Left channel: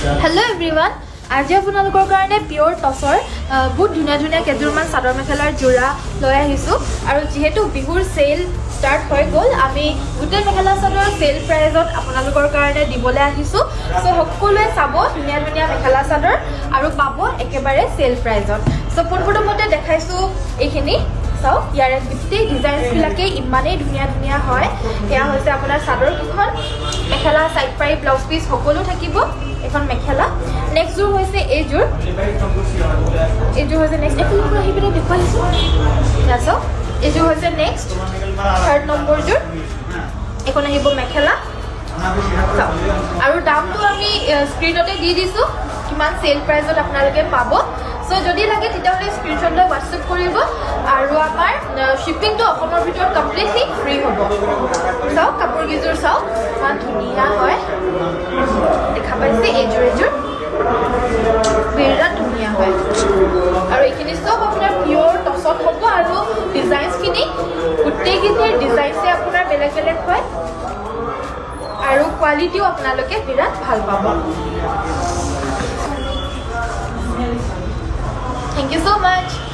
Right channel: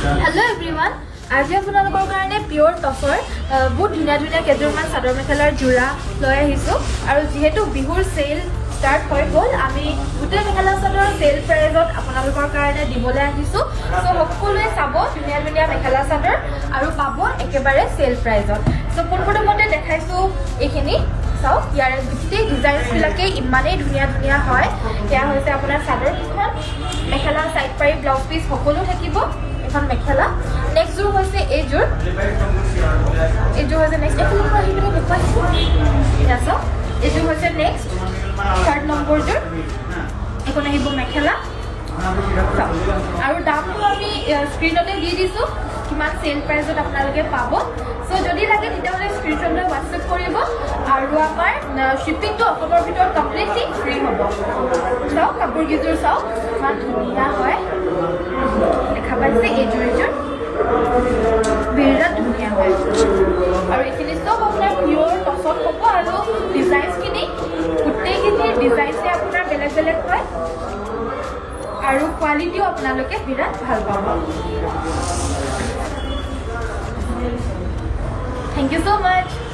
Hello everyone. আজি আপোনালোকৰ কাৰণে পিওৰ টছৰ বহুত ধুনীয়া ধুনীয়া কেইযোৰমান চাদৰ মেখেলাৰ যোৰা লৈ আহিছোঁ আৰু যিহেতু বিহুৰ সেল ষ্টাৰ্ট হৈ গ'ল আমি গোটেই মেখেলা চাদৰ সেল প্ৰাইজত আপোনালোকৰ কাৰণে দিবলৈ আহিছোঁ সো সকলোৱে চাব ধুনীয়া ধুনীয়া মেখেলা চাদৰ আৰু পাব একেবাৰে সেল প্ৰাইজত সো পোনপ্ৰথমতে দেখাইছোঁ এইখিনি চাওক ইয়াৰে গোটেই ডিজাইনবিলাকে ইমানেই ধুনীয়া ধুনীয়া হয় এয়া হৈছে আপোনাৰ চাদৰকেইখন মেখেলা সাইড পাৰি ব্লাউজ পিচ সকলো থাকিব এখন মেখেলা নেক্সট যোৰ হৈছে এইযোৰ হৈছে নেক্সট এখন আহি পিনে দেখুৱাইছোঁ চাওক এইযোৰ হৈছে নেক্সট থাৰ্ড নম্বৰযোৰ এখন আহিব মেখেলা আৰু দামটো আমি স্ক্ৰীনতে দি দিছোঁ কিমান সেল প্ৰাইজত আপোনালোকে পাব সো যদি লাগে তেতিয়াহ'লে স্ক্ৰীনশ্বট লৈ হোৱাটছএপ কৰিব আৰু আমাৰ শ্বিপিংটো অসমৰ ভিতৰত কমপ্লিটলি ফ্ৰী হ'ব চাওক কাপোৰকেইযোৰ চাওক ইমান ধুনীয়া হয় দেখা পাইছে এইযোৰ বিৰাট ধুনীয়া হয় আৰু এইখিনি চব আপোনাৰ পিয়'ৰ টছত হ'ব আৰু ডিজাইনছখিনি গোটেইখিনিৰ ডিজাইনছে আপোনাৰ বেলেগ বেলেগ হয় আৰু কোৱালিটিও আপোনালোকে বিৰাট ভাল পাব Thank you so much.